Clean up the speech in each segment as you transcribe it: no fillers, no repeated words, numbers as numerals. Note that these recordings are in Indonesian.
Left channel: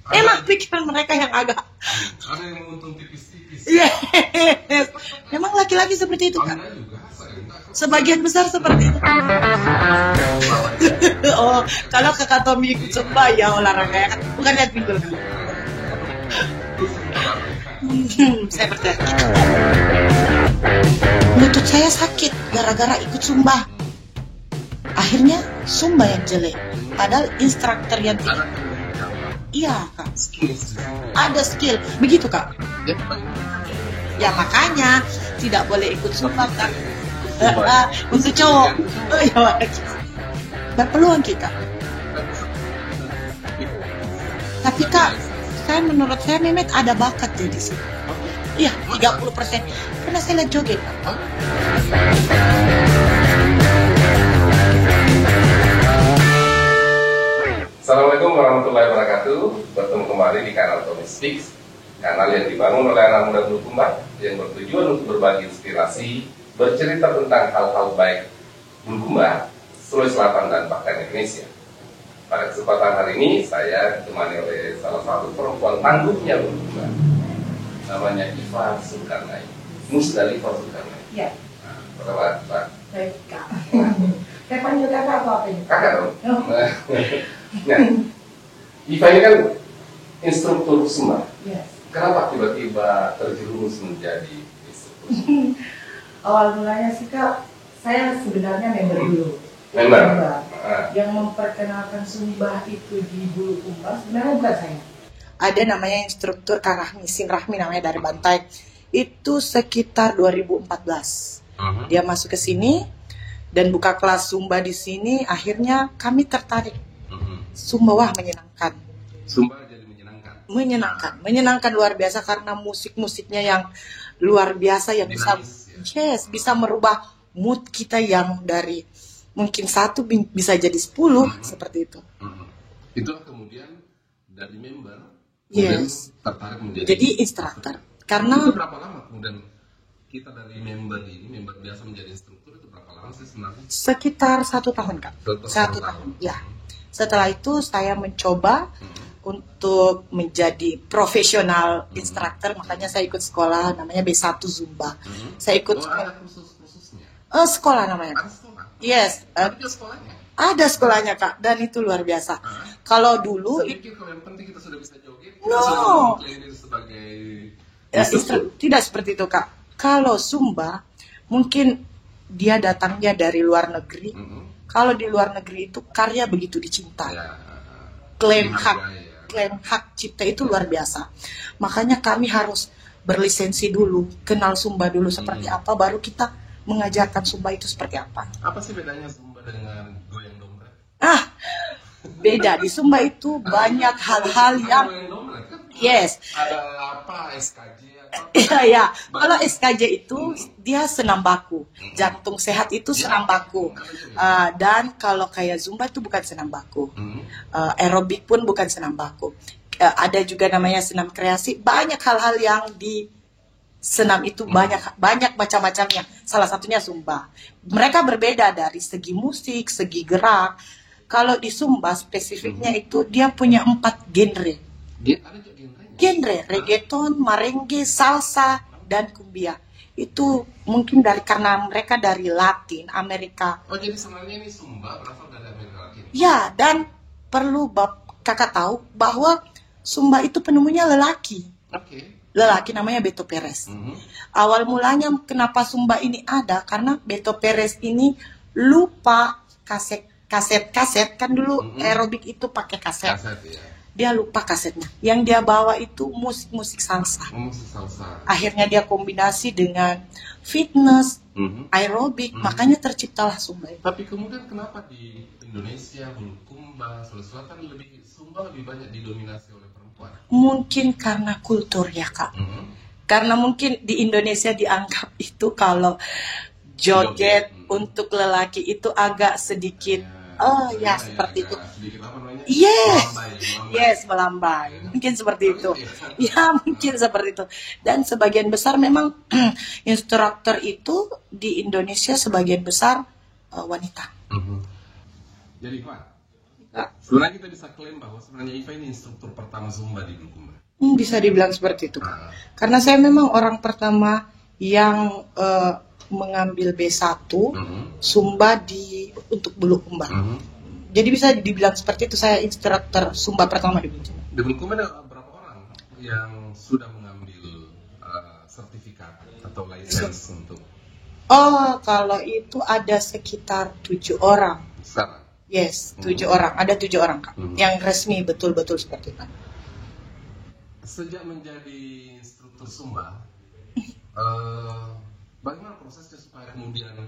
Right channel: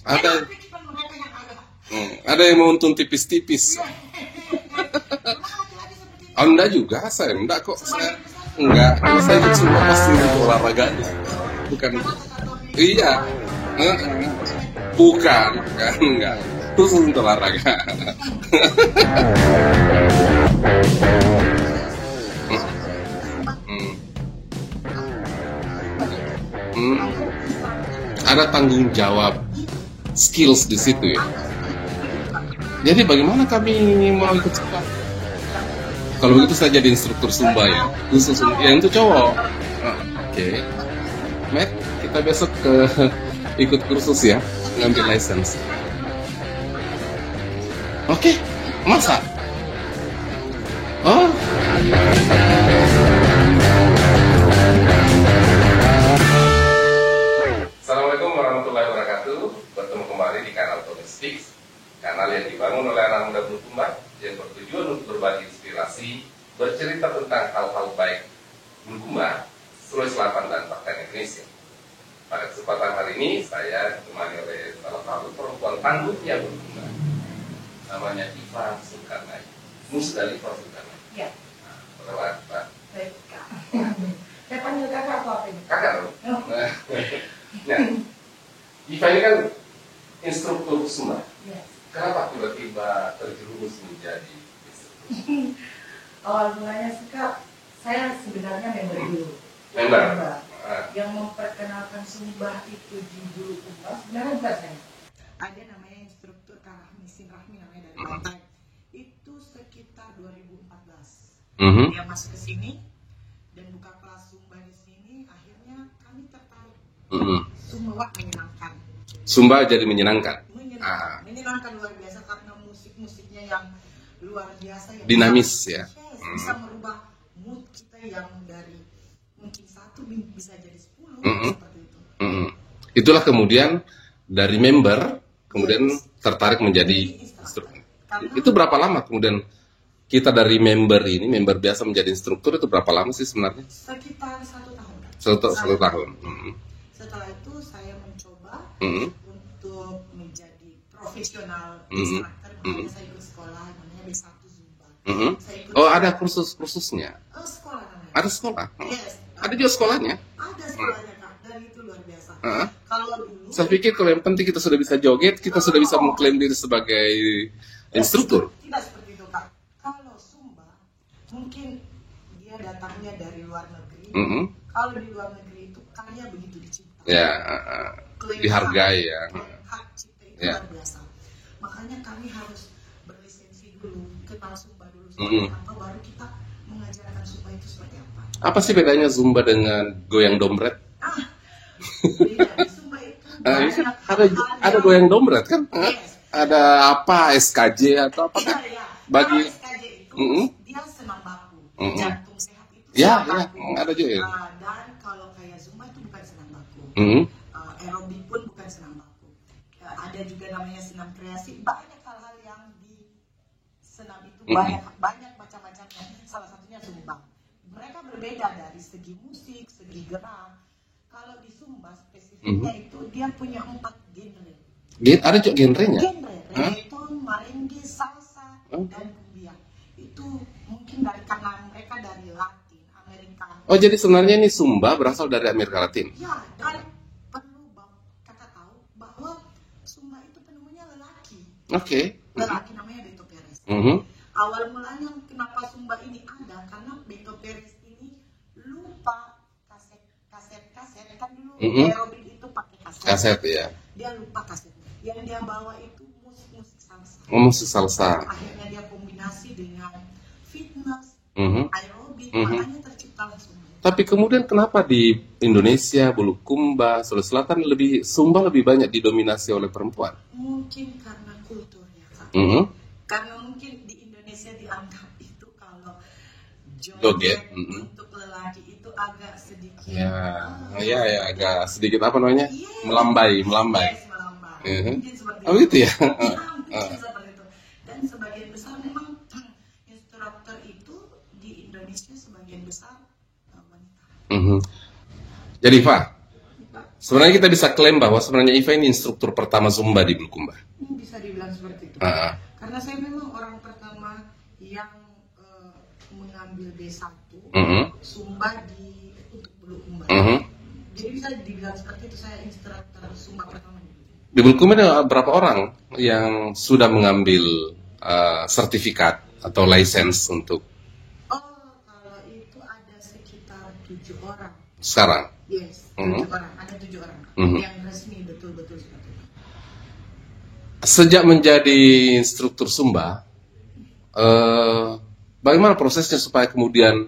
Emang pikiran mereka yang agak ada yang mau untung tipis-tipis. Emang laki-laki seperti itu? Anda juga, saya enggak kok. Sebagian besar seperti itu. Enggak, saya cuma pasti olahraga. Oh, kalau kakak Tommy coba ya olahraga ya kan? Bukan lihat pinggul. Bukan, enggak. Khusus untuk olahraga. Lutut saya sakit gara-gara ikut Zumba. Akhirnya Zumba yang jelek. Padahal instruktur yang ada tanggung jawab. Iya kak. Skills di situ ya. Ada skill, begitu kak. Jadi bagaimana kami mau Ya makanya tidak boleh ikut Zumba. Kalau itu saya jadi instruktur Zumba ya. Untuk cowok. Yang itu cowok. Oke. Dan peluang kita. Kita besok ikut kursus ya. Tapi kak, saya menurut saya Mehmet ada bakat di situ. Oke. Iya. Masa? 30%. Karena saya lihat joget. Oh. Assalamualaikum warahmatullahi wabarakatuh. Bertemu kembali di kanal Tommy Speaks, kanal yang dibangun oleh anak muda Bulukumba yang bertujuan untuk berbagi inspirasi, bercerita tentang hal-hal baik Bulukumba, Sulawesi Selatan dan bahkan Indonesia. Pada kesempatan hari ini saya ditemani oleh salah satu perempuan tangguhnya Bulukumba, namanya Iva Zulkarnain, Musdalifah Zulkarnain. Iya. Apa kabar, Pak? Baik, Kak. Saya panggil kakak atau apa ini? Kakak dong. Oh. Nah, Iva ini kan instruktur Zumba. Yes. Kenapa tiba-tiba terjerumus menjadi instruktur Zumba? Awal mulanya sih Kak, saya sebenarnya member dulu. Member? Yang memperkenalkan Zumba itu di Bulukumba sebenarnya bukan saya. Ada namanya instruktur Kak Rahmi, Sin Rahmi namanya dari Bantai. Itu sekitar 2014. Dia masuk ke sini dan buka kelas Zumba di sini. Akhirnya kami tertarik. Zumba wah menyenangkan. Zumba jadi menyenangkan. Menyenangkan luar biasa karena musik-musiknya yang luar biasa yang dinamis bisa, ya. Yes, bisa merubah mood kita yang dari mungkin 1 bisa jadi 10 seperti itu. Itulah kemudian dari member kemudian tertarik menjadi instruktur. Karena itu berapa lama kemudian kita dari member biasa menjadi instruktur itu berapa lama sih sebenarnya? Sekitar 1 tahun Kak. 1 tahun. Ya. Setelah itu saya mencoba untuk menjadi profesional instruktur, makanya saya ikut sekolah namanya B1 Zumba. Saya ikut. Oh, ada khususnya? Sekolah namanya. Ada sekolah? Yes. Ada juga sekolahnya? Ada sekolahnya Kak, dan itu luar biasa. Kalau dulu saya pikir kalau yang penting kita sudah bisa joget, kita sudah bisa mengklaim diri sebagai instruktur. Tidak seperti itu Kak. Kalau Zumba mungkin dia datangnya dari luar negeri. Kalau di luar negeri itu karya begitu dicintai. Klaim hak cipta itu luar biasa. Makanya kami harus berlisensi dulu, kenal Zumba dulu seperti apa, baru kita mengajarkan Zumba itu seperti apa. Apa sih bedanya Zumba dengan goyang dompet? Beda. Di Zumba itu banyak hal-hal yang... Ada goyang dompet kan? Yes. Ada apa, SKJ atau apa? Iya. Kalau SKJ itu dia senam baku. Jantung sehat itu senam baku. Ada juga, dan kalau kayak Zumba itu bukan senam baku. Aerobik pun bukan senam baku. Ada juga namanya senam kreasi. Banyak hal-hal yang di senam itu banyak macam-macamnya. Salah satunya Zumba. Mereka berbeda dari segi musik, segi gerak. Kalau di Zumba spesifiknya itu dia punya 4 genre. Ada juga genrenya? Genre, reggaeton, merengue, salsa, dan cumbia. Itu mungkin karena mereka dari Latin Amerika. Oh, jadi sebenarnya ini Zumba berasal dari Amerika Latin? Ya, dan perlu kakak tahu bahwa Zumba itu penemunya lelaki. Oke. Lelaki namanya Beto Perez. Awal mulanya kenapa Zumba ini ada, karena Beto Perez ini lupa kaset kan dulu aerobik itu pakai kaset ya. Dia lupa kasetnya, yang dia bawa itu musik salsa. Musik salsa. Akhirnya dia kombinasi dengan fitness, aerobik, makanya terciptalah Zumba itu. Tapi kemudian kenapa di Indonesia, Bulukumba, Sulawesi Selatan Zumba lebih banyak didominasi oleh perempuan? Mungkin karena kultur ya Kak. Karena mungkin di Indonesia dianggap itu kalau joget untuk lelaki itu agak sedikit seperti agak itu. Sedikit apa namanya? Yes. Melambai. Yes, melambai. Mungkin seperti itu. Itu ya? Ya, mungkin seperti itu. Dan sebagian besar memang instruktur itu di Indonesia sebagian besar wanita. Jadi Pak, Kak. Sebenarnya kita bisa klaim bahwa sebenarnya Iva ini instruktur pertama Zumba di Bulukumba. Bisa dibilang seperti itu. Karena saya memang orang pertama yang mengambil B1 Zumba untuk Bulukumba. Jadi bisa dibilang seperti itu, saya instruktur Zumba pertama di Bulukumba. Di Bulukumba ada berapa orang yang sudah mengambil sertifikat atau license untuk? Oh, kalau itu ada sekitar 7 orang. Sekarang? Yes, 7 orang. Ada 7 orang, Kak. Yang resmi betul-betul seperti itu. Sejak menjadi instruktur Zumba, bagaimana prosesnya supaya kemudian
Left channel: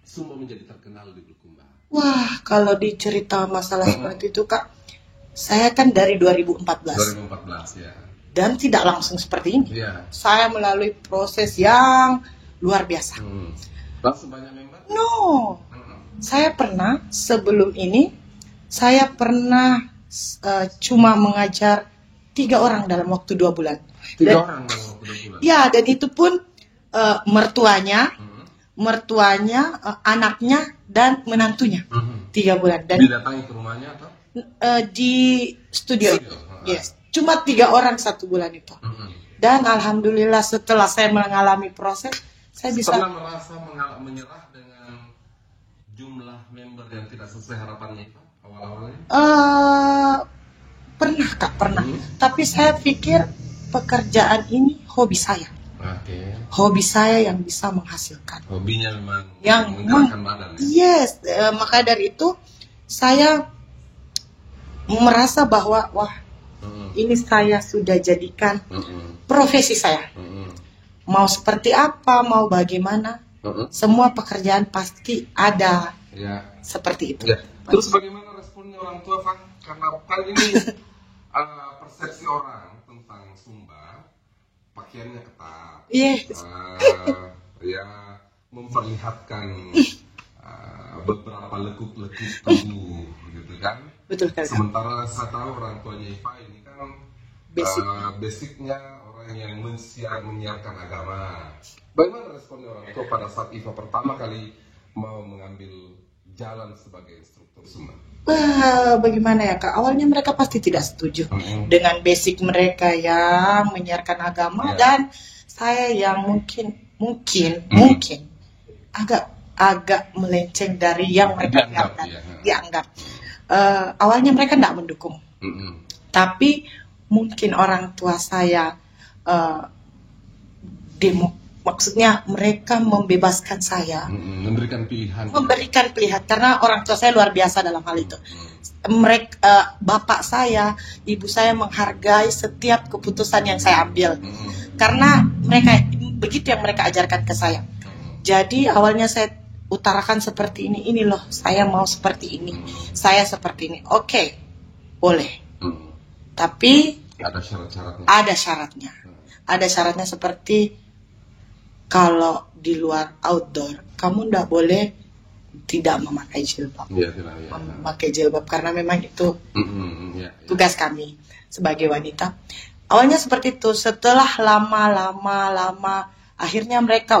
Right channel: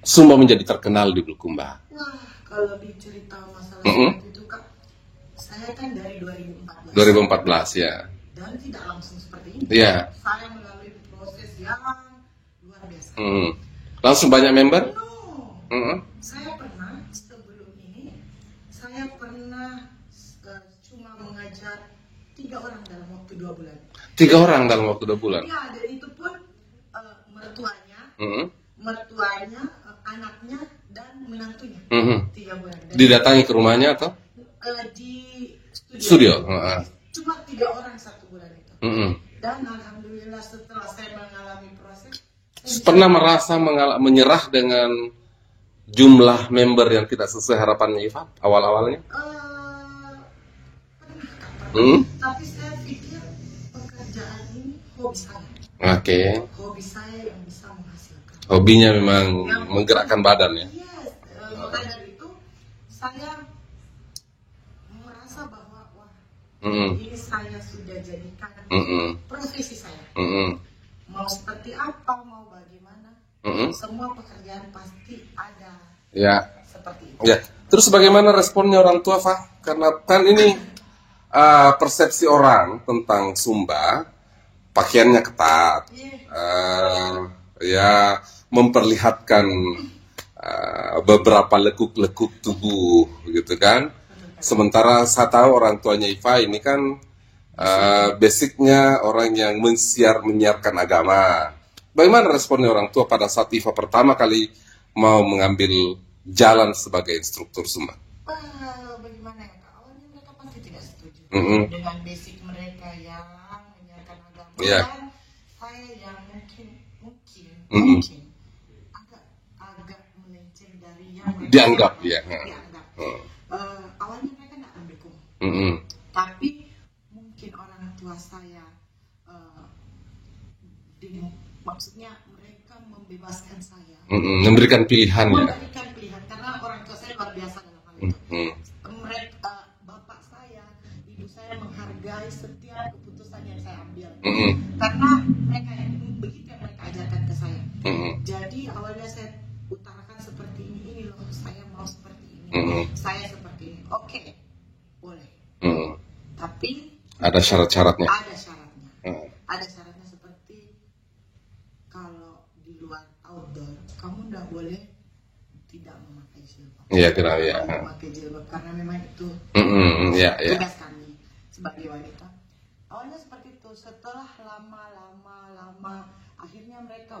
Zumba menjadi terkenal di Bulukumba? Wah, kalau dicerita masalah seperti itu, Kak, saya kan dari 2014. 2014, ya. Dan tidak langsung seperti ini. Ya. Saya melalui proses yang luar biasa. Langsung banyak member? No. Saya pernah, sebelum ini, saya pernah cuma mengajar 3 orang dalam waktu 2 bulan. 3 orang dalam waktu 2 bulan? Ya, dan itu pun mertuanya, anaknya, dan menantunya. 3 bulan. Dan didatangi ke rumahnya atau? Di studio. Yes. Cuma 3 orang 1 bulan itu. Dan alhamdulillah setelah saya mengalami proses, saya bisa... Pernah merasa menyerah dengan jumlah member yang tidak sesuai harapannya Iva awal-awalnya? Pernah, Kak, pernah. Tapi saya pikir pekerjaan ini hobi saya. Oke. Hobi saya yang bisa menghasilkan. Hobinya memang yang menggerakkan badan ya? Yes, maka dari itu saya merasa bahwa wah, ini saya sudah jadikan profesi saya. Mau seperti apa, mau bagaimana, semua pekerjaan pasti ada seperti itu. Ya. Terus bagaimana responnya orang tua, Fah? Karena kan ini persepsi orang tentang Zumba, pakaiannya ketat, ya memperlihatkan beberapa lekuk-lekuk tubuh, gitu kan? Betul, sementara saya tahu orang tuanya Iva ini kan basicnya orang yang menyiarkan agama. Bagaimana responnya orang tua pada saat Iva pertama kali mau mengambil jalan sebagai instruktur Zumba? Bagaimana ya, Kak? Awalnya mereka pasti tidak setuju dengan basic mereka yang menyiarkan agama, dan saya yang mungkin agak melenceng dari yang mereka dianggap. Awalnya mereka tidak mendukung, tapi mungkin orang tua saya maksudnya mereka membebaskan saya, memberikan pilihan karena orang tua saya luar biasa dalam hal itu. Bapak saya, ibu saya menghargai setiap keputusan yang saya ambil, karena mereka begitu yang mereka ajarkan ke saya. Jadi awalnya saya utarakan seperti ini loh, saya mau seperti ini, saya seperti ini. Oke, boleh. Tapi ada syarat-syaratnya. Ada syaratnya seperti kalau di luar outdoor, kamu tidak boleh tidak memakai jilbab. Memakai jilbab karena memang itu tugas kami sebagai wanita. Awalnya seperti itu. Setelah lama, akhirnya mereka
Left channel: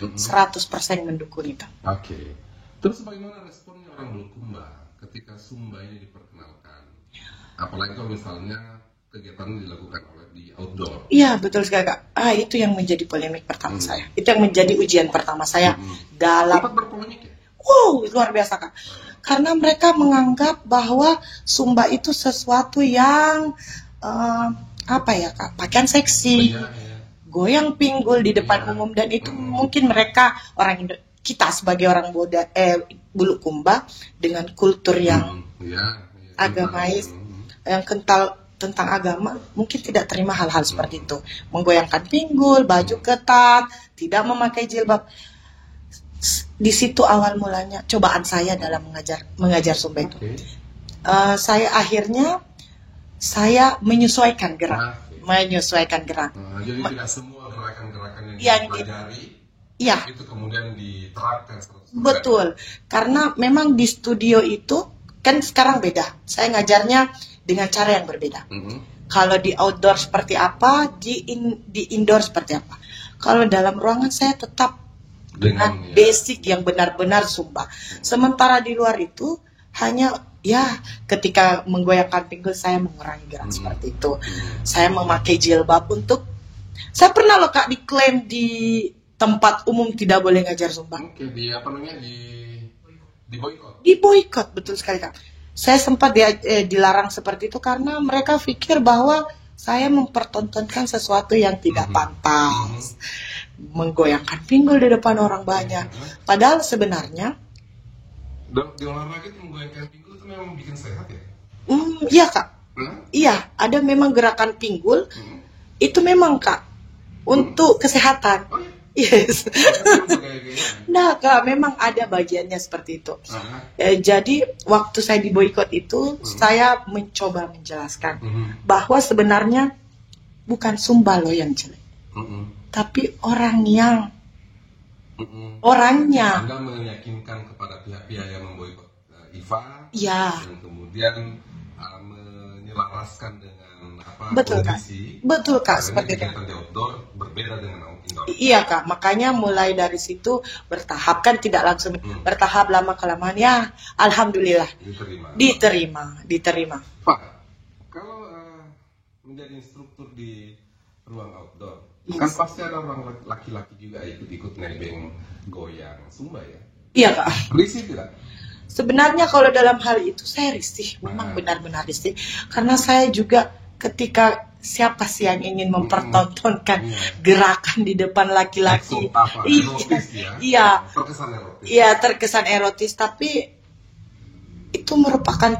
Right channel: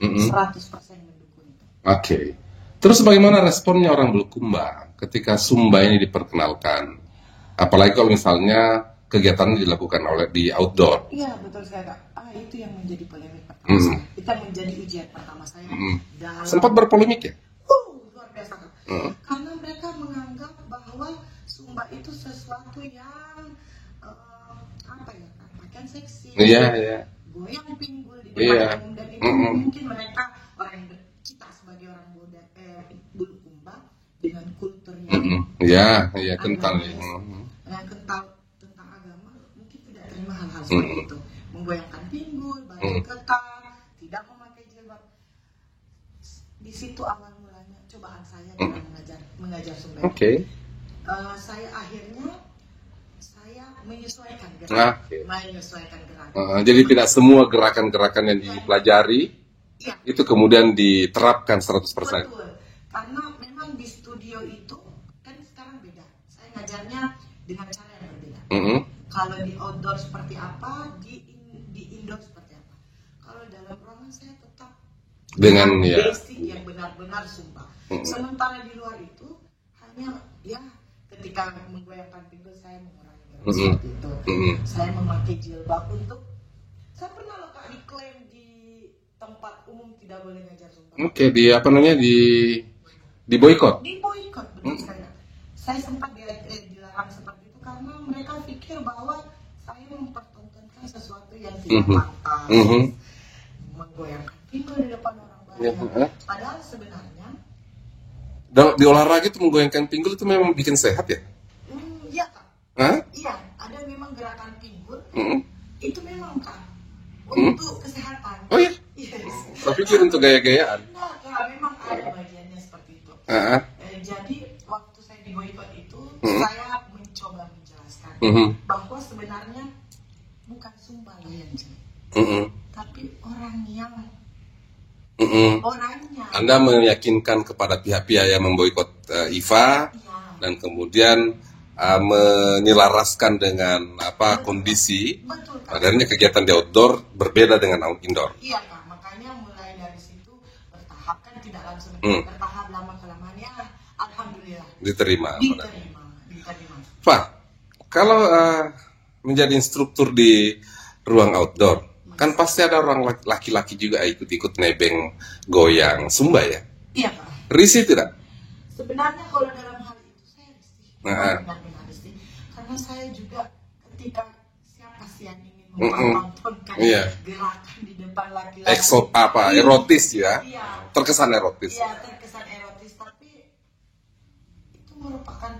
100% mendukung itu. Oke. Terus bagaimana responnya orang Bulukumba ketika Zumba ini diperkenalkan? Apalagi kalau misalnya kegiatan dilakukan di outdoor. Iya, betul sekali, Kak. Itu yang menjadi polemik pertama saya. Itu yang menjadi ujian pertama saya dalam... Sempat berpolemik ya? Wow, luar biasa, Kak. Karena mereka menganggap bahwa Zumba itu sesuatu yang Kak, pakaian seksi, goyang pinggul di depan umum, dan itu mungkin mereka kita sebagai orang Bulukumba dengan kultur yang agamais, yang kental tentang agama, mungkin tidak terima hal-hal seperti itu. Menggoyangkan pinggul, baju ketat, tidak memakai jilbab. Di situ awal mulanya cobaan saya dalam mengajar Zumba. Saya akhirnya menyesuaikan gerak. Jadi tidak semua gerakan-gerakan yang dipelajari itu kemudian diterapkan 100%. Betul. Karena memang di studio itu kan sekarang beda. Saya ngajarnya dengan cara yang berbeda. Kalau di outdoor seperti apa, di indoor seperti apa. Kalau dalam ruangan saya tetap dengan basic yang benar-benar Zumba. Sementara di luar itu hanya Ya, ketika menggoyangkan pinggul saya mengurangi gerak seperti itu. Saya memakai jilbab untuk, saya pernah loh Kak diklaim di tempat umum tidak boleh ngajar Zumba. Oke, di apa namanya, di boykot. Di boykot, betul sekali Kak. Saya sempat dilarang seperti itu karena mereka pikir bahwa saya mempertontonkan sesuatu yang tidak pantas. Menggoyangkan pinggul di depan orang banyak. Padahal sebenarnya di olahraga itu menggoyangkan pinggul itu memang bikin sehat ya? Iya Kak. Hah? Iya, ada memang gerakan pinggul. Itu memang Kak untuk kesehatan. Oh iya? Yes. Itu untuk gaya-gayaan. Nah Kak, memang ada bagiannya seperti itu. Jadi waktu saya di boykot itu, saya mencoba menjelaskan bahwa sebenarnya bukan Zumba loh yang jelek, tapi orangnya. Anda meyakinkan kepada pihak-pihak yang memboikot IFA, dan kemudian menyelaraskan dengan kondisi. Betul Kak. Adanya kegiatan di outdoor berbeda dengan indoor. Iya Kak, makanya mulai dari situ bertahap, kan tidak langsung bertahap, lama kelamaan ya alhamdulillah diterima. Pak, kalau menjadi instruktur di ruang outdoor, kan pasti ada orang laki-laki juga ikut-ikut nebeng goyang Zumba ya? Iya Kak. Risih tidak? Sebenarnya kalau dalam hal itu saya risih, memang benar-benar risih. Karena saya juga ketika siapa sih yang ingin mempertontonkan gerakan di depan laki-laki? Erotis ya? Iya. Terkesan erotis. Iya, terkesan erotis, tapi itu merupakan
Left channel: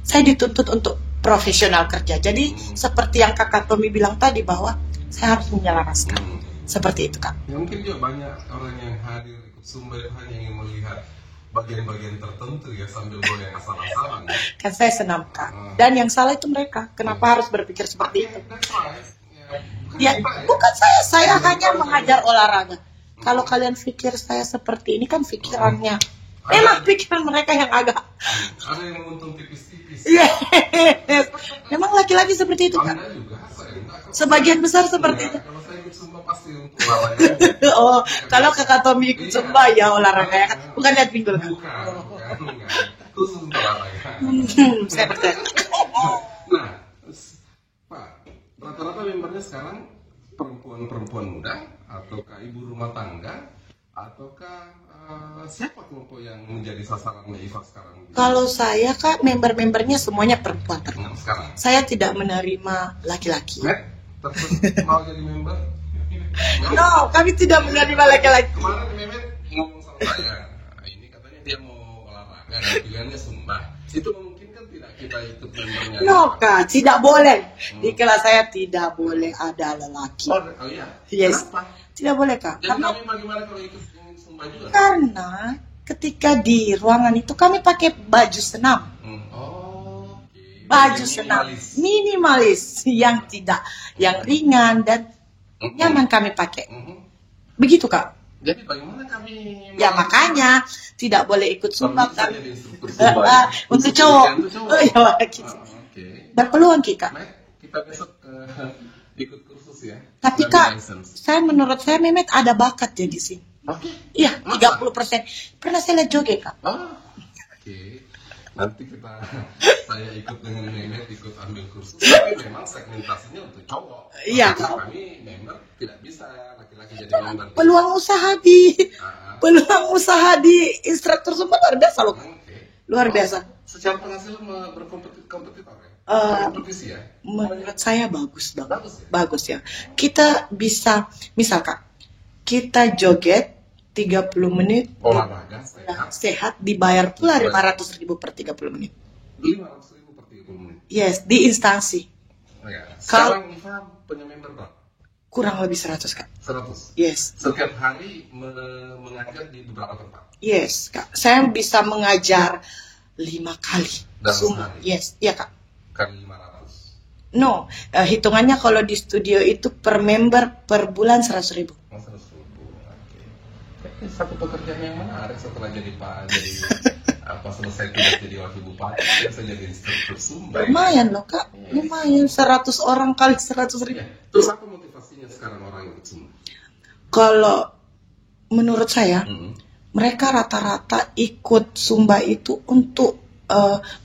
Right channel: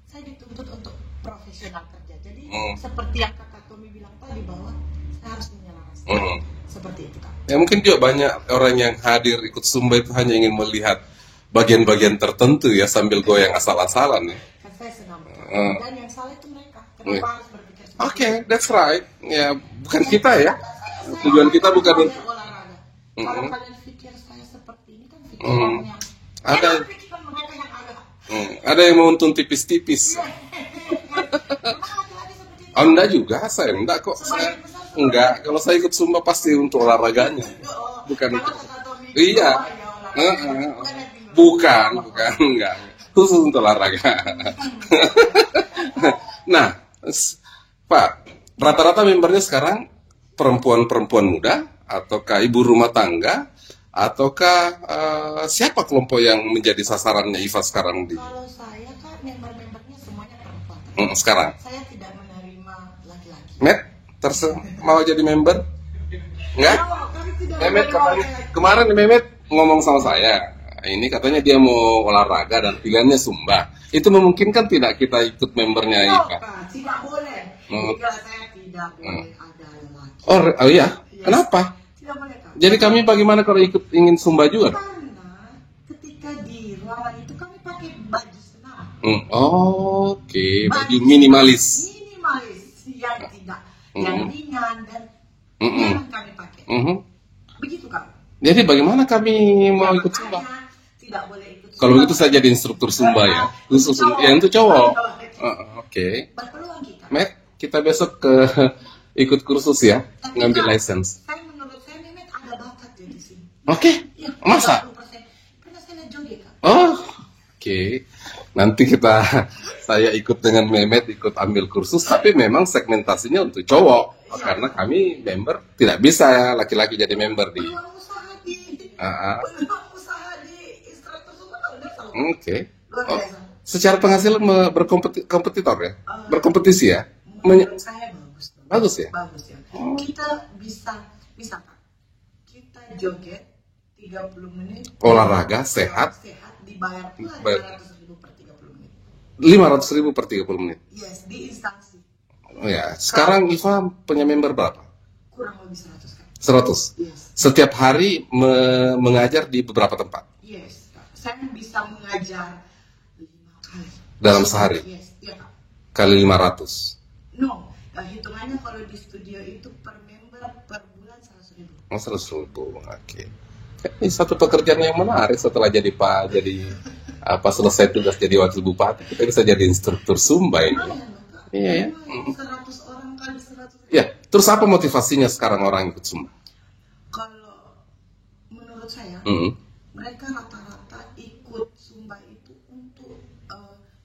saya dituntut untuk profesional kerja. Jadi seperti yang Kakak Tommy bilang tadi bahwa saya harus menyelaraskan. Seperti itu Kak. Ya mungkin juga banyak orang yang hadir ikut Zumba itu hanya ingin melihat bagian-bagian tertentu ya sambil goyang asal-asalan. Kan saya senam Kak. Dan yang salah itu mereka. Kenapa harus berpikir seperti itu? Oke, that's right. Ya, bukan kita ya. Bukan saya hanya mengajar olahraga. Kalau kalian pikir saya seperti ini kan pikirannya. Memang pikiran mereka yang agak ada yang mau untung tipis-tipis. Memang laki-laki seperti itu. Anda juga, saya enggak kok. Sebagian besar seperti itu. Kalau saya ikut Zumba pasti untuk olahraga. Kalau Kakak Tommy ikut Zumba ya olahraga, bukan lihat pinggul. Bukan, enggak. Khusus untuk olahraga. Nah, Pak, rata-rata membernya sekarang perempuan-perempuan muda ataukah ibu rumah tangga? Ataukah siapa kelompok yang menjadi sasarannya IFA sekarang? Kalau saya Kak, member-membernya semuanya perempuan. Sekarang? Saya tidak menerima laki-laki. Met, mau jadi member? Enggak? No, kami tidak menerima laki-laki. Kemarin Mehmet ngomong sama saya, ini katanya dia mau olahraga dan pilihannya Zumba. Itu memungkinkan tidak kita ikut membernya IFA? No Kak, tidak boleh. Di kelas saya tidak boleh ada lelaki. Oh iya? Yes. Kenapa? Tidak boleh Kak. Jadi kami bagaimana kalau ingin Zumba juga? Karena ketika di ruangan itu kami pakai baju senam. Oke. Baju minimalis. Minimalis yang tidak, yang ringan dan nyaman kami pakai. Begitu Kak. Jadi bagaimana kami mau ikut makanya Zumba? Tidak boleh ikut Zumba. Kalau itu saya jadi instruktur Zumba ya. Untuk cowok. Untuk cowok. Oke. Dan peluang Kak. Kita besok ke ikut kursus ya, tapi Kak, menurut saya Mehmet ada bakat jadi sini. Oke. Iya, 30%. Pernah saya lihat joget Kak. Oke. Nanti saya ikut dengan Mehmet, ikut ambil kursus, tapi memang segmentasinya untuk cowok. Iya. Karena kami member tidak bisa laki-laki jadi member. Peluang usaha di instruktur Zumba luar biasa loh. Oke. Luar biasa. Secara penghasilan berkompetitor ya? Berkompetisi ya? Menurut saya bagus banget. Bagus ya? Bagus ya. Kita bisa, misalkan kita joget 30 menit olahraga sehat dibayar pula 500.000 per 30 menit. 500.000 per 30 menit. Yes, di instansi. Ya, sekarang IFA punya member berapa? Kurang lebih 100 Kak. 100. Yes. Setiap hari mengajar di beberapa tempat. Yes Kak. Saya bisa mengajar 5 kali dalam sehari. Yes, iya Kak. Kali 500. No, hitungannya kalau di studio itu per member per bulan 100.000. 100.000. Oke. Ini satu pekerjaan yang menarik setelah jadi selesai tugas jadi wakil bupati, kita bisa jadi instruktur Zumba. Lumayan loh Kak, lumayan 100 orang kali 100.000. Ya, terus apa motivasinya sekarang orang ikut Zumba? Kalau menurut saya, mereka rata-rata ikut Zumba itu untuk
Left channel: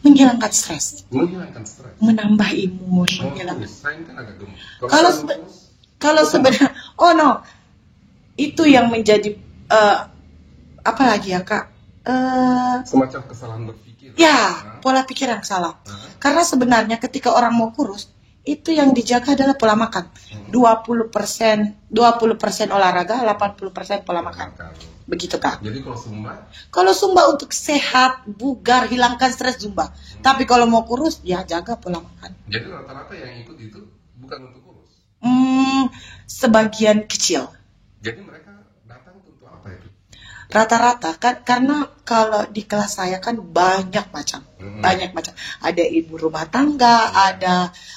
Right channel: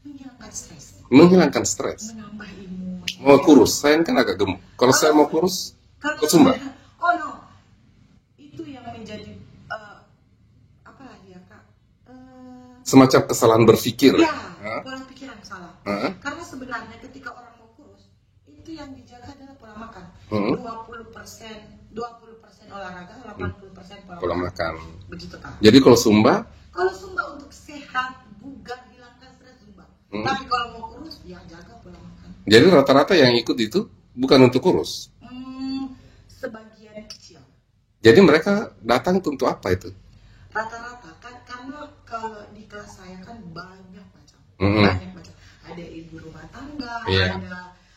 menghilangkan stres, menghilangkan stres, menambah imun. Oh, kurus, saya kan agak gemuk. Kalau saya mau kurus, kalau sebenarnya, oh no, itu yang menjadi apa lagi ya Kak? Semacam kesalahan berpikir. Ya, pola pikir yang salah. Karena sebenarnya ketika orang mau kurus, itu yang dijaga adalah pola makan. 20% olahraga, 80% pola makan. Begitu Kak. Jadi kalau Zumba? Kalau Zumba untuk sehat, bugar, hilangkan stres Zumba. Tapi kalau mau kurus, ya jaga pola makan. Jadi rata-rata yang ikut itu bukan untuk kurus? Sebagian kecil. Jadi mereka datang untuk apa itu? Rata-rata kan, karena kalau di kelas saya kan banyak macam, ada ibu rumah tangga,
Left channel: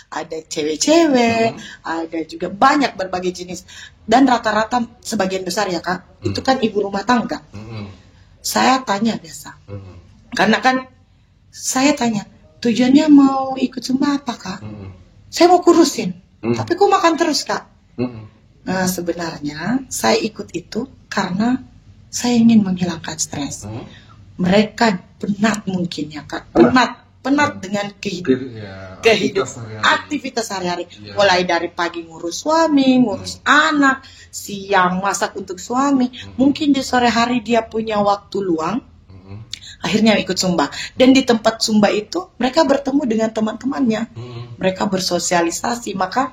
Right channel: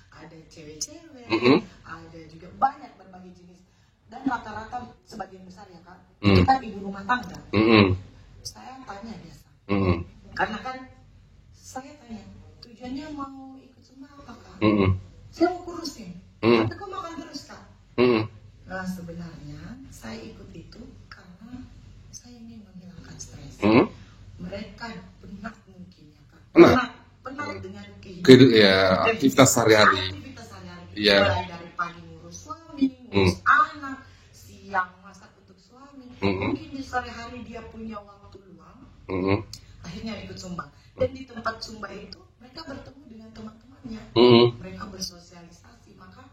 ada cewek-cewek, ada juga banyak berbagai jenis, dan rata-rata sebagian besar ya Kak, itu kan ibu rumah tangga. Saya tanya biasa, karena kan saya tanya tujuannya mau ikut Zumba apa Kak? Saya mau kurusin, tapi kok makan terus Kak? Nah sebenarnya saya ikut itu karena saya ingin menghilangkan stres. Mereka penat mungkin ya Kak, penat dengan kehidupan, aktivitas sehari-hari. Mulai dari pagi ngurus suami, ngurus anak, siang masak untuk suami. Mungkin di sore hari dia punya waktu luang, akhirnya ikut Zumba. Dan di tempat Zumba itu mereka bertemu dengan teman-temannya, mereka bersosialisasi. Maka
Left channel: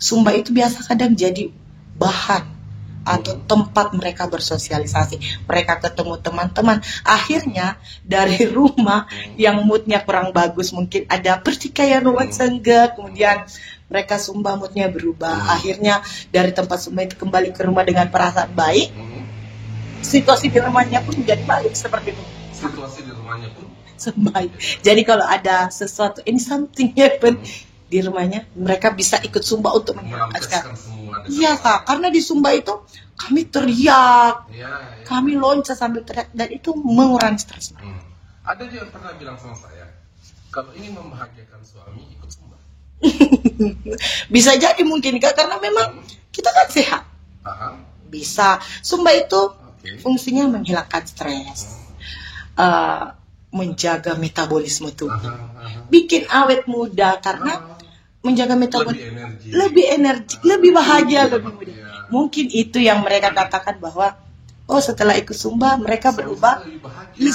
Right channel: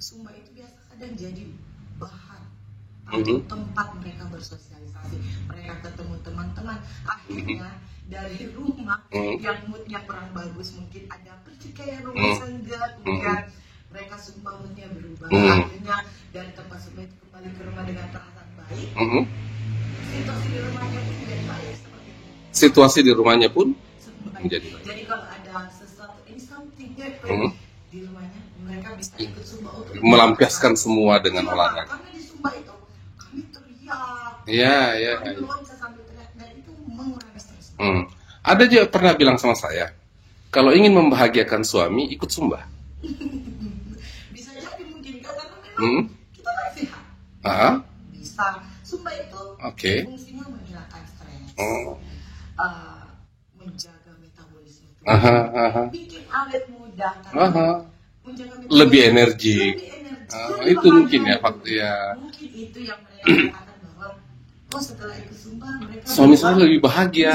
Zumba itu biasa kadang jadi bahan atau tempat mereka bersosialisasi, mereka ketemu teman-teman. Akhirnya dari rumah yang moodnya kurang bagus, mungkin ada pertikaian rumah tangga, kemudian mereka Zumba moodnya berubah. Akhirnya dari tempat Zumba itu kembali ke rumah dengan perasaan baik. Situasi di rumahnya pun menjadi baik seperti itu. Situasi di rumahnya pun baik. Jadi kalau ada sesuatu, ini something happen di rumahnya, mereka bisa ikut Zumba untuk melampiaskan semua dengan Kak, karena di Zumba itu kami teriak, kami loncat sambil teriak, dan itu mengurangi stres. Ada juga pernah bilang sama saya, kalau ingin membahagiakan suami ikut Zumba. Bisa jadi mungkin Kak, karena memang kita kan sehat. Bisa. Zumba itu fungsinya menghilangkan stres, menjaga metabolisme tubuh, bikin awet muda, karena menjaga metabolisme, lebih energi, lebih bahagia. Mungkin itu yang mereka katakan bahwa setelah ikut Zumba mereka suami lebih bahagia,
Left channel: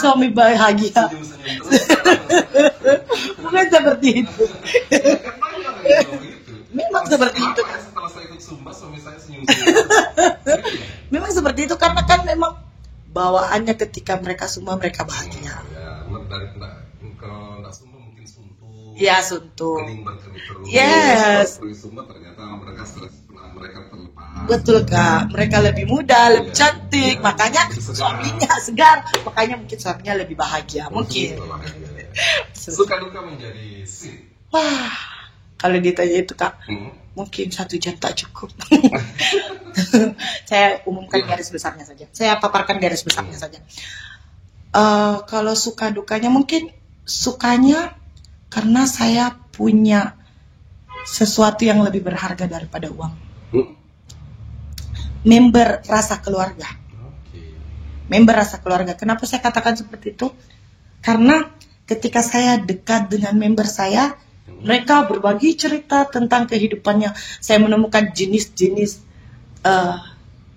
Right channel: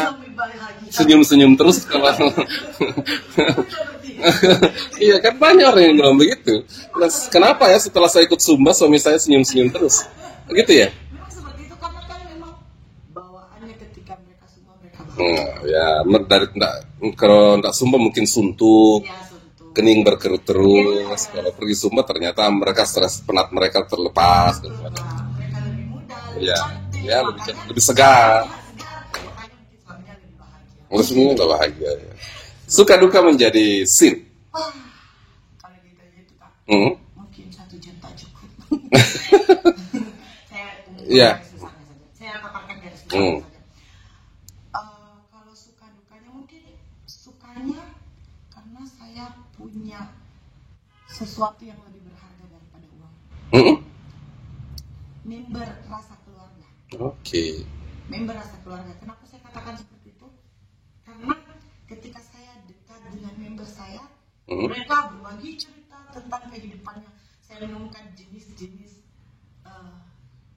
senyum-senyum terus. Bukan seperti itu. Iya kan, banyak orang yang bilang begitu. Kenapa ya setelah saya ikut Zumba suami saya senyum-senyum terus? Gitu ya? Memang seperti itu, karena kan memang bawaannya ketika mereka Zumba mereka bahagia. Kalau tidak Zumba mungkin suntuk, kening berkerut terus. Kalau pergi Zumba ternyata mereka stres penat mereka terlepas. Betul Kak, mereka lebih muda, lebih cantik, makanya lebih segar. Makanya mungkin suaminya lebih bahagia. Mungkin bahagia. Suka duka menjadi sin. Wah, kalau ditanya itu Kak, mungkin 1 jam tak cukup. Saya umumkan garis besarnya saja. Saya paparkan garis besarnya saja. Kalau suka dukanya, mungkin sukanya karena saya punya sesuatu yang lebih berharga daripada uang. Member rasa keluarga. Member rasa keluarga. Kenapa saya katakan seperti itu? Karena ketika saya dekat dengan member saya, mereka berbagi cerita tentang kehidupannya. Saya menemukan jenis-jenis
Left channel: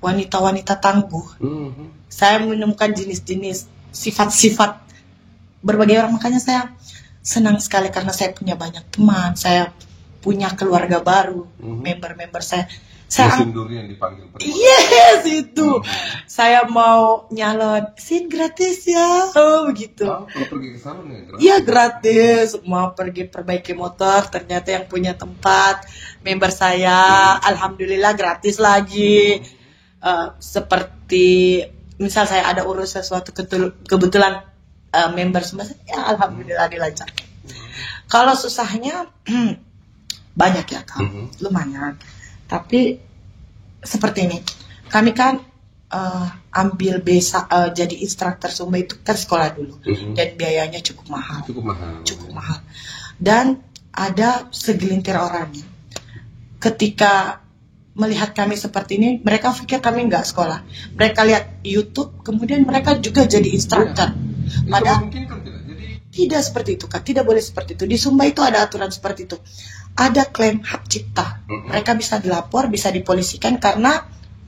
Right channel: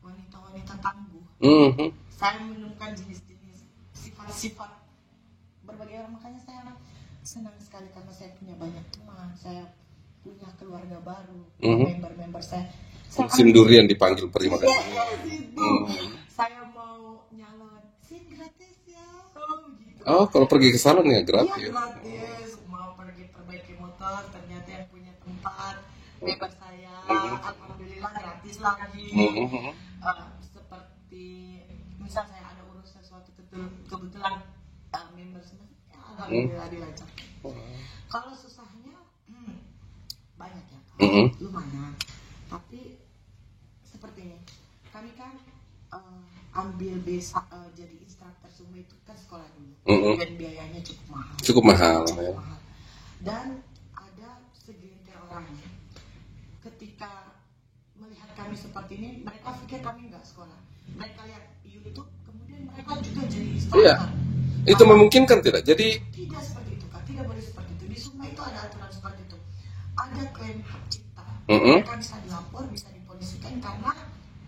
wanita-wanita tangguh. Saya menemukan jenis-jenis sifat-sifat berbagai orang. Makanya saya senang sekali karena saya punya banyak teman. Saya punya keluarga baru, member-member saya. Musim durian dipanggil pergi. Yes, itu. Saya mau nyalon, sin gratis ya. Begitu. Kalau pergi ke salon ya gratis. Iya, gratis. Mau pergi perbaiki motor, ternyata yang punya tempat member saya, alhamdulillah gratis lagi. Seperti misal saya ada urus sesuatu, kebetulan member semua, ya alhamdulillah dilancar. Kalau susahnya banyak ya Kak, lumayan. Tapi seperti ini, kami kan ambil jadi instruktur Zumba itu kan sekolah dulu, dan biayanya cukup mahal. Dan ada segelintir orang ketika melihat kami seperti ini, mereka pikir kami nggak sekolah. Mereka lihat YouTube, kemudian mereka juga jadi instruktur. Itu Padahal memungkinkan tidak? Jadi tidak seperti itu, Kak. Tidak boleh seperti itu. Di Sumba itu ada aturan seperti itu. Ada klaim hak cipta. Mereka bisa dilapor, bisa dipolisikan karena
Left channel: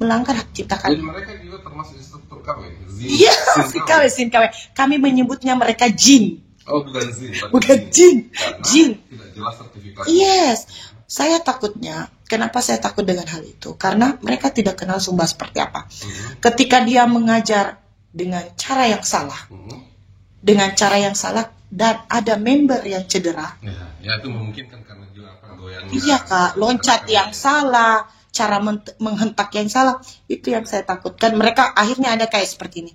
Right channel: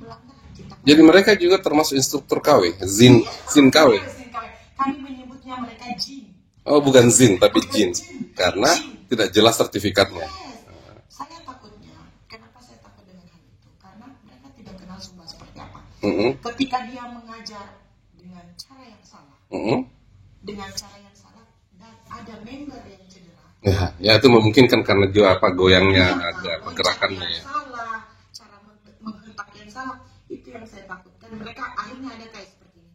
melanggar hak cipta kami. jadi mereka juga termasuk instruktur KW, Zin Iya, KW. Sin KW. Kami menyebutnya mereka jin. Oh, bukan Zin tapi Bukan Jin. jin. Karena Jin. tidak jelas sertifikat. Yes. Saya takutnya, kenapa saya takut dengan hal itu? Karena mereka tidak kenal Sumba seperti apa. Ketika dia mengajar dengan cara yang salah, dan ada member yang cedera. Ya itu memungkinkan karena juga goyangnya. Iya, Kak, loncat yang salah, cara menghentak yang salah, itu yang saya takutkan. Mereka akhirnya ada kayak seperti ini.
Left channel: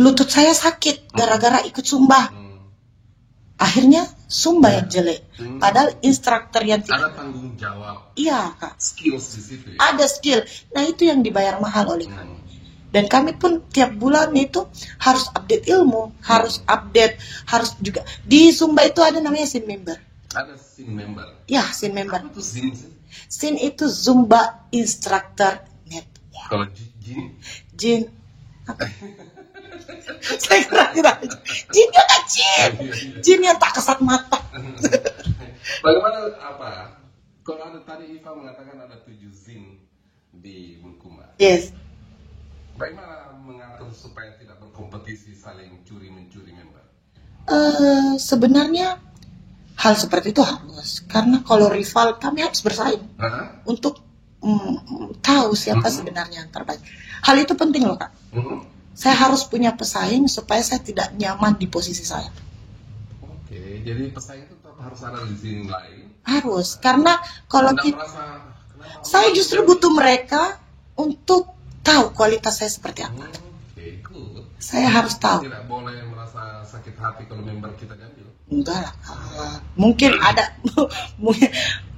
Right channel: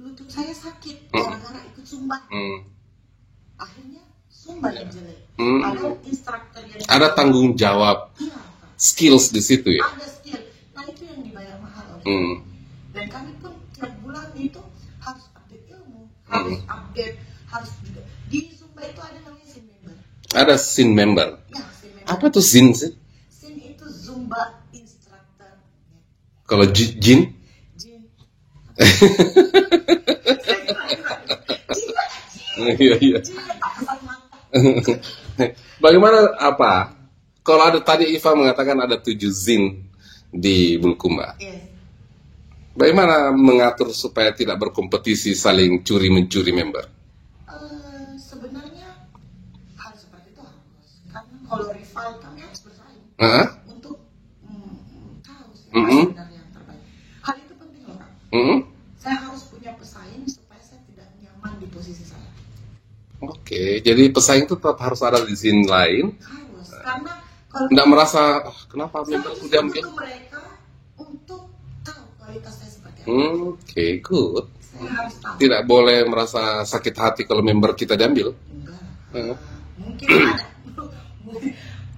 Lutut saya sakit gara-gara ikut Sumba. Akhirnya Sumba yang jelek. Padahal instruktur yang Ada tanggung jawab. Iya, Kak. Skills di situ ya. Ada skill. Nah, itu yang dibayar mahal oleh kami. Dan kami pun tiap bulan itu harus update ilmu, harus update, harus juga di Sumba itu ada namanya SIN member. Ada Zin member. Ya, SIN member. Apa tuh Zin sih? SIN itu Zumba Instructor Network. Kalau Jin? Jin. Saya kira tidak. Jin yang kecil. Iya. Jin yang tak kesat mata. Bagaimana apa? Kalau ada tadi Iva mengatakan ada 7 Zin di Bulukumba. Yes. Bagaimana mengatur supaya tidak berkompetisi saling curi-mencuri member? Sebenarnya hal seperti itu harus. Karena kalau rival kami harus bersaing untuk tahu siapa sebenarnya yang terbaik. Hal itu penting loh, Kak. Saya harus punya pesaing supaya saya tidak nyaman di posisi saya. Oke, jadi pesaing itu tetap harus ada di Zin lain. Harus, karena kalau Tidak merasa kenapa? saya justru butuh mereka untuk tahu kualitas saya seperti apa. Oke, good. Saya harus tahu. Tidak boleh merasa sakit hati kalau member kita diambil. Enggak lah. Mungkin ada,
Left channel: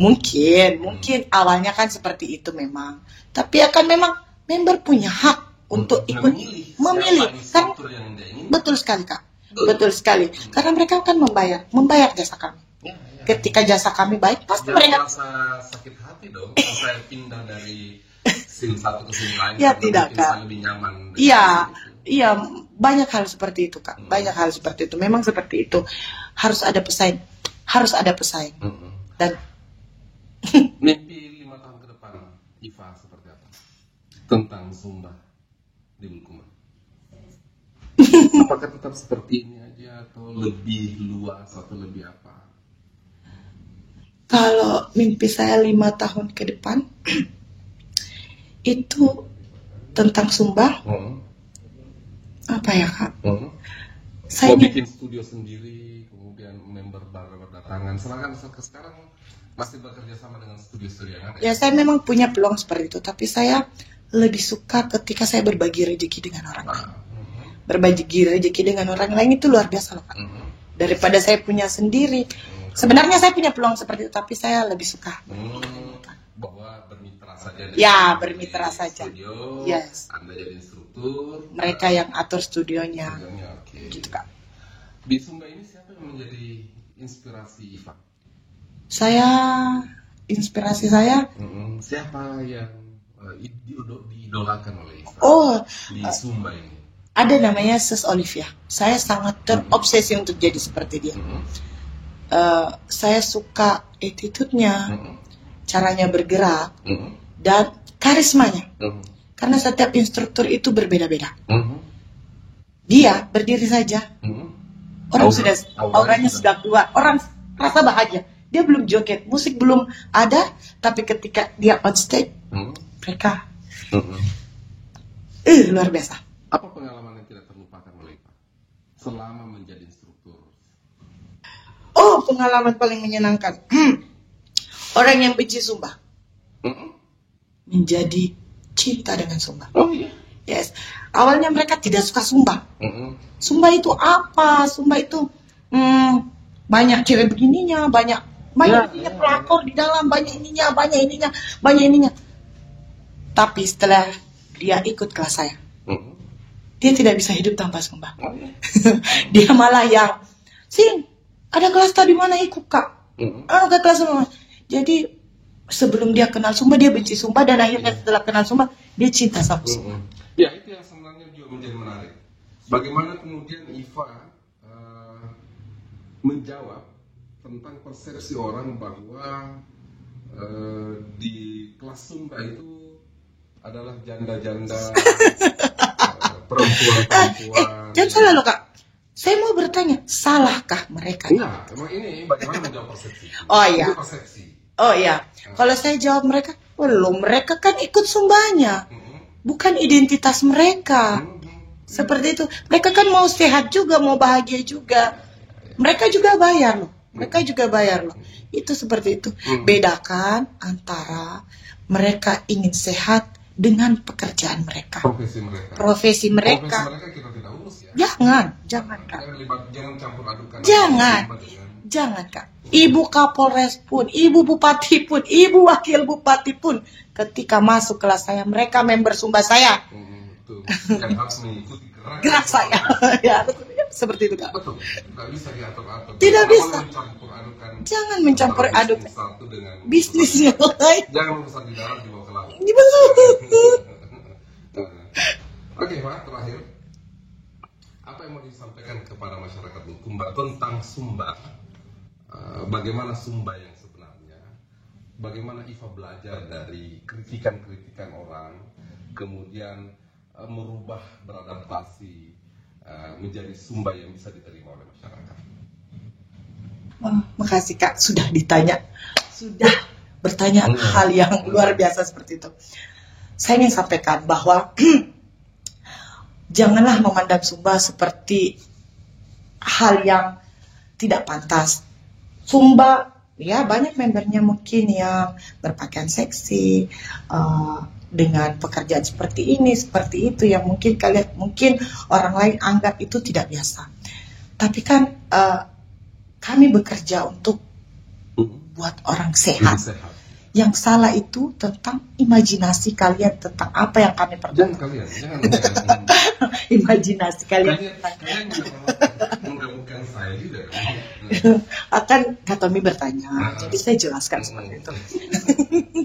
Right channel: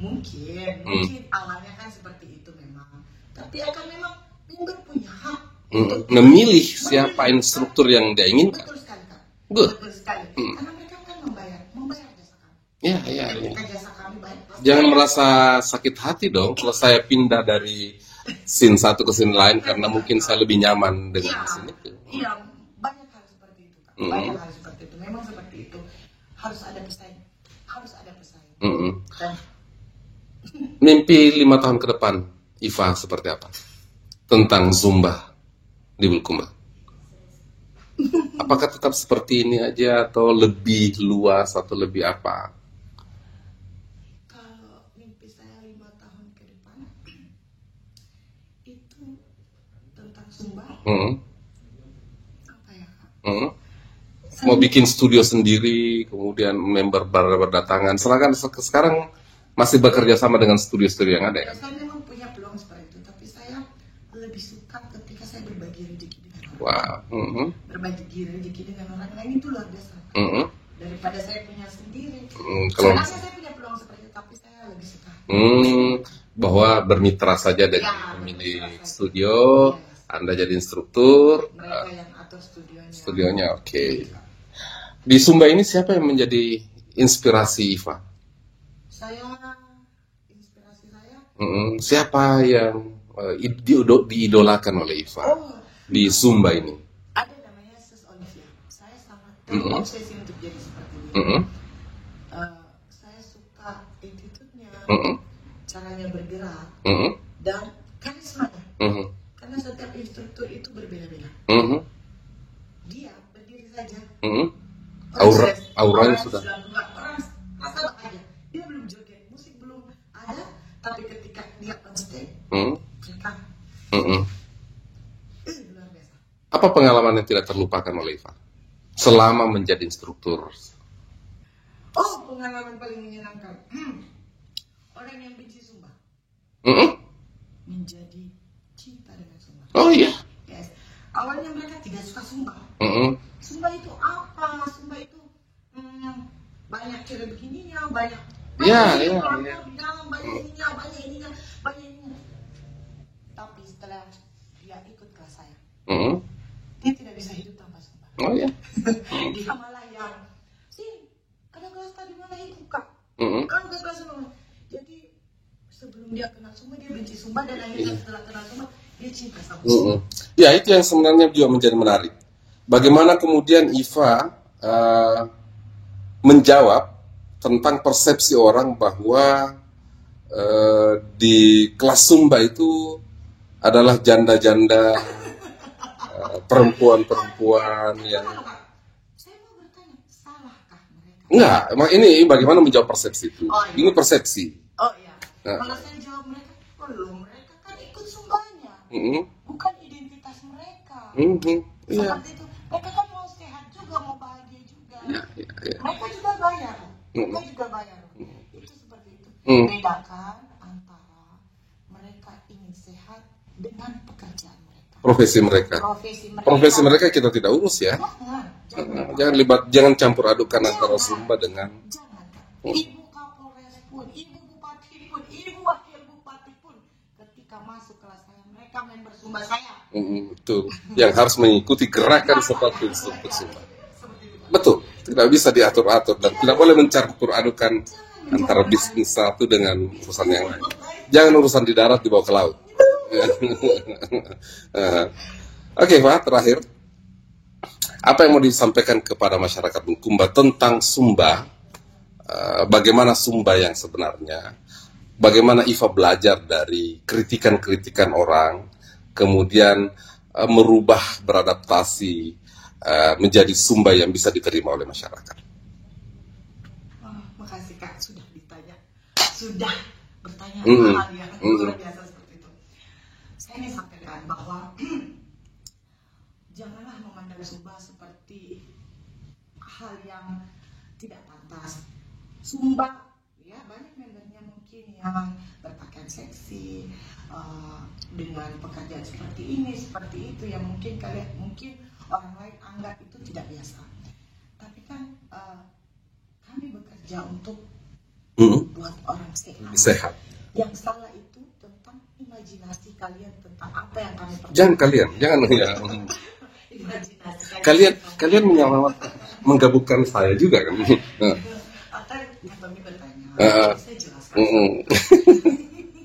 mungkin awalnya kan seperti itu memang. Tapi akan memang member punya hak untuk memilih siapa memilih. instruktur yang dia ingin. Betul sekali, Kak. Good. Betul sekali. Karena mereka akan membayar jasa kami. Ya. Ketika jasa kami baik, pasti Jangan mereka. merasa sakit hati dong kalau saya pindah dari scene satu ke scene lain Ya, karena tidak, mungkin Kak. saya lebih nyaman dengan Iya, scene itu. iya, banyak hal seperti itu, Kak. Banyak hal seperti itu. Memang seperti itu. Harus ada pesaing. Dan Mimpi 5 tahun ke depan Iva seperti apa? Tentang Zumba di Bulukumba. Apakah tetap seperti ini aja atau lebih luas atau lebih apa? kalau mimpi saya 5 tahun ke depan itu tentang Sumba, apa ya, Kak? Saya Mau bikin studio sendiri, kemudian member berdatangan. Sekarang masih bekerja sama dengan studio-studio yang ada. ya saya memang punya peluang seperti itu, tapi saya lebih suka ketika saya berbagi rezeki dengan orang lain. Berbagi rezeki dengan orang lain itu luar biasa loh, Kak. Daripada saya punya sendiri. Sebenarnya saya punya peluang seperti itu, tapi saya lebih suka. Bahwa bermitra saja dari Ya, bermitra saja. studio, Yes. Anda jadi instruktur, Mereka yang atur studionya. studionya oke. Gitu, Kak. Di Sumba ini siapa yang menjadi inspirasi Iva? Inspirasi saya. Siapa yang diidolakan oleh Iva di Sumba ini? Ada namanya Sis Olivia. Saya sangat terobsesi untuk jadi seperti dia. Saya suka attitude-nya, caranya bergerak, dan karismanya. Karena setiap instruktur itu berbeda-beda. Dia berdiri saja, orangnya sudah keluar, orang rasa bahagia. Dia belum joget, musik belum ada, tapi ketika dia on stage, mereka luar biasa. Apa pengalaman yang tidak terlupakan oleh Iva selama menjadi instruktur? Oh, pengalaman paling menyenangkan. Orang yang benci Sumba menjadi cinta dengan Sumba. Oh iya. Yes. Awalnya mereka tidak suka Sumba. Sumba itu apa? Sumba itu banyak cewek begininya, banyak pelakor di dalam, banyak ininya. Tapi setelah dia ikut kelas saya, dia tidak bisa hidup tanpa Sumba. Oh iya. Dia malah yang, Sin, ada kelas tadi mana ikut, Kak? Ada kelas mana? Jadi sebelum dia kenal Sumba, dia benci Sumba, dan akhirnya setelah kenal Sumba, dia cinta sama Sumba. Ya, itu yang sebenarnya juga menjadi menarik. bagaimana kemudian Iva menjawab tentang persepsi orang bahwa di kelas Sumba itu adalah janda-janda, perempuan-perempuan. Jangan salah loh Kak. Saya mau bertanya, salahkah mereka? Enggak, ini bagaimana menjawab persepsi itu? Oh iya. Ini persepsi. Oh iya. Kalau saya jawab mereka, belum. Mereka kan ikut Sumbanya, bukan identitas mereka. Seperti itu. Mereka kan mau sehat juga, mau bahagia juga. Mereka juga bayar loh. Mereka juga bayar loh. Itu seperti itu. Bedakan antara mereka ingin sehat dengan pekerjaan mereka. Profesi mereka. Profesi mereka kita tidak urus ya. Jangan Kak. Jangan campur adukan antara Sumba dengan. Jangan Kak. Ibu Kapolres pun, Ibu Bupati pun, Ibu Wakil Bupati pun, ketika masuk kelas saya, mereka member Sumba saya. Itu yang harus mengikuti gerakan seperti ya, seperti itu Kak. Betul, tidak bisa diatur-atur. Tidak boleh mencampur adukan. Jangan mencampur antara aduk bisnis satu dengan bisnis yang yang lain. Jangan urusan di darat dibawa ke laut. Oke Pak, terakhir apa yang mau disampaikan kepada masyarakat Bulukumba tentang Sumba? Bagaimana Sumba yang sebenarnya? Bagaimana Iva belajar dari kritikan-kritikan orang, kemudian merubah, beradaptasi menjadi Sumba yang bisa diterima oleh masyarakat? Makasih Kak, sudah bertanya hal yang luar biasa seperti itu. Saya ingin sampaikan bahwa janganlah memandang Sumba seperti hal yang tidak pantas. Sumba, ya banyak membernya mungkin yang berpakaian seksi, dengan pekerjaan seperti ini, seperti itu, yang mungkin orang lain anggap itu tidak biasa. Tapi kan kami bekerja untuk buat orang sehat. Yang salah itu tentang imajinasi kalian tentang apa yang kami perjuangkan. Jangan Imajinasi kalian. Kalian menggabungkan saya juga kan? Akan Kak Tommy bertanya, jadi saya jelaskan seperti itu.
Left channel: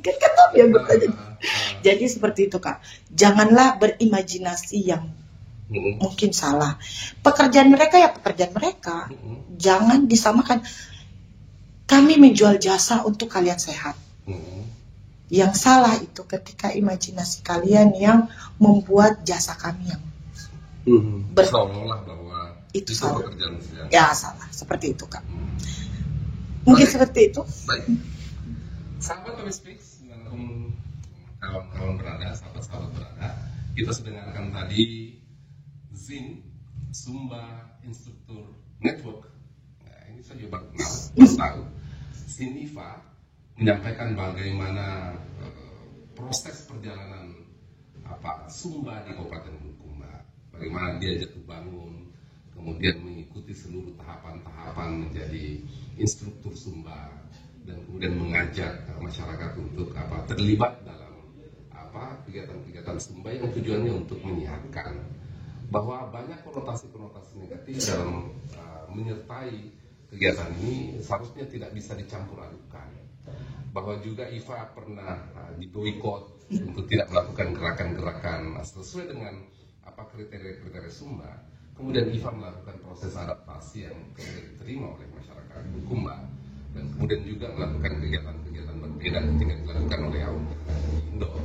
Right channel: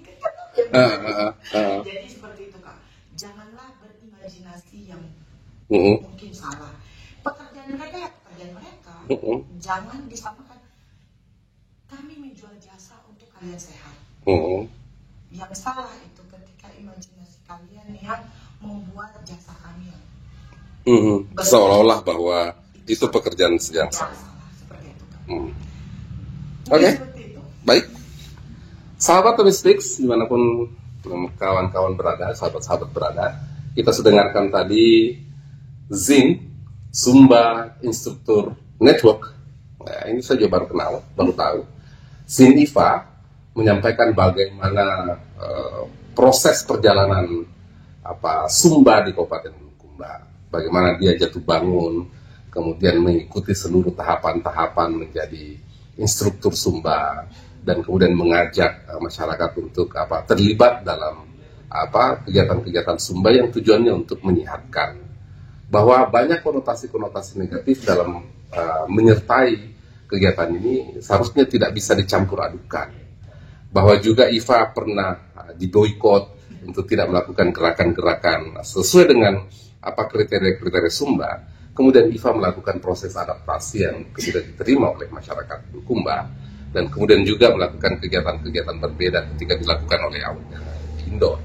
Kan Kak Tommy yang bertanya. Jadi seperti itu Kak. Janganlah berimajinasi yang mungkin salah. Pekerjaan mereka ya pekerjaan mereka. Jangan disamakan. Kami menjual jasa untuk kalian sehat. Yang salah itu ketika imajinasi kalian yang membuat jasa kami yang seolah-olah bahwa itu salah. pekerjaan sedang. Ya salah, seperti itu Kak. Mungkin seperti itu. Baik, sahabat Tomistix dimanapun kawan-kawan berada, sahabat-sahabat berada, kita sudah dengarkan tadi Zin, Sumba Instruktur Network. Nah, ini saya juga baru tahu. Zin Iva menyampaikan bagaimana proses perjalanan Sumba di Kabupaten Bulukumba, bagaimana dia jatuh bangun, kemudian mengikuti seluruh tahapan-tahapan menjadi instruktur Sumba, dan kemudian mengajak masyarakat untuk terlibat dalam kegiatan-kegiatan Sumba yang tujuannya untuk menyehatkan. Bahwa banyak konotasi-konotasi negatif dalam menyertai kegiatan ini seharusnya tidak bisa dicampur adukan. Bahwa juga Iva pernah diboikot untuk tidak melakukan gerakan-gerakan sesuai dengan kriteria-kriteria Sumba. Kemudian Iva melakukan proses adaptasi yang kemudian diterima oleh masyarakat Bulukumba, dan kemudian juga melakukan kegiatan-kegiatan berbeda ketika dilakukan oleh awalnya Indo.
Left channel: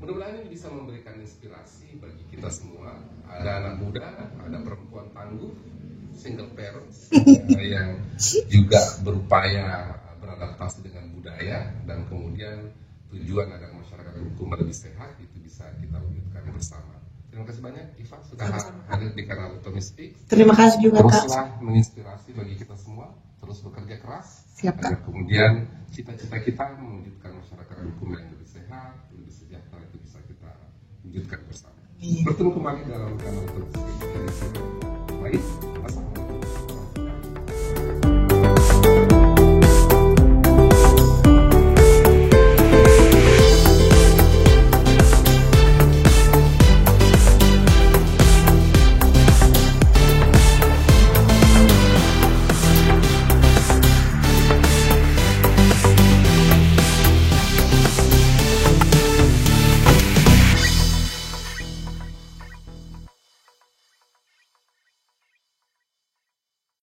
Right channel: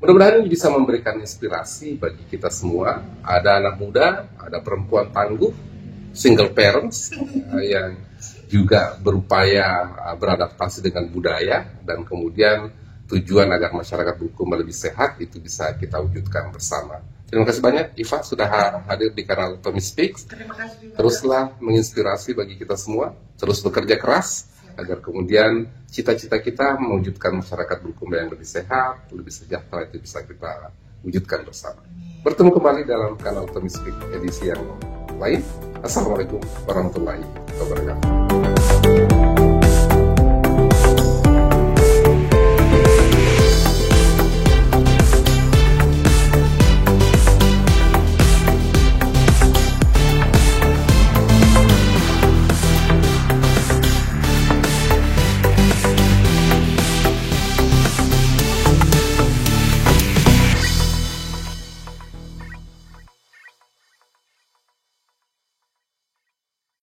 Mudah-mudahan ini bisa memberikan inspirasi bagi kita semua. Ada anak muda, ada perempuan tangguh, single parents yang juga berupaya beradaptasi dengan budaya, dan kemudian tujuan agar masyarakat Bulukumba lebih sehat itu bisa kita wujudkan bersama. Terima kasih banyak Iva sudah hadir di kanal Tommy Speaks. Terima kasih juga Teruslah menginspirasi bagi kita semua, terus bekerja keras. Siap, agar kemudian cita-cita kita mewujudkan masyarakat Bulukumba yang lebih sehat, lebih sejahtera itu bisa kita wujudkan bersama. Bertemu kembali dalam kanal Tommy Speaks edisi yang lain. Assalamualaikum warahmatullahi wabarakatuh.